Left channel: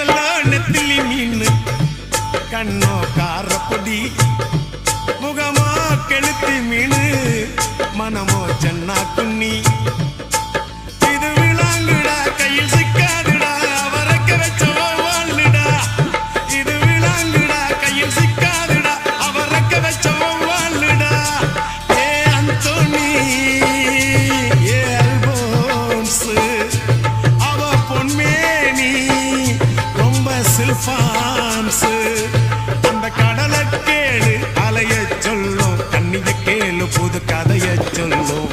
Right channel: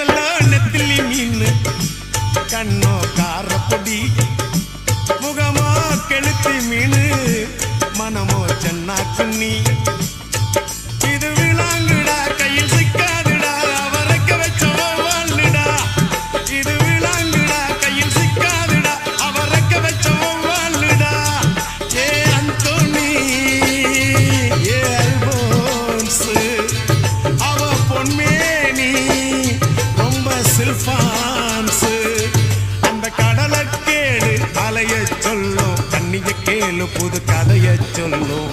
சொல்ல நெத்திலி மீன் கண்ணோ காரப்பொடி முகமோ கெளுத்தி மீன் மனமோ சென்னா குன்னி இது விளாங்குடா கையில் சிக்காதுடா அவரக்க வச்ச வாழ்டா இது விளாங்குடா கையில் சிக்காதுடா அவரக்க வச்ச வாழ்டா ஏ அந்தோனி ஏ அல்போன்ஸ் அவ பொன்மேனி ரொம்ப சில்பான்ஸ் அந்த கடலை கேளு அலைய சொல்லும் கண்ணிய கேளு புது கதைய சொல்லும்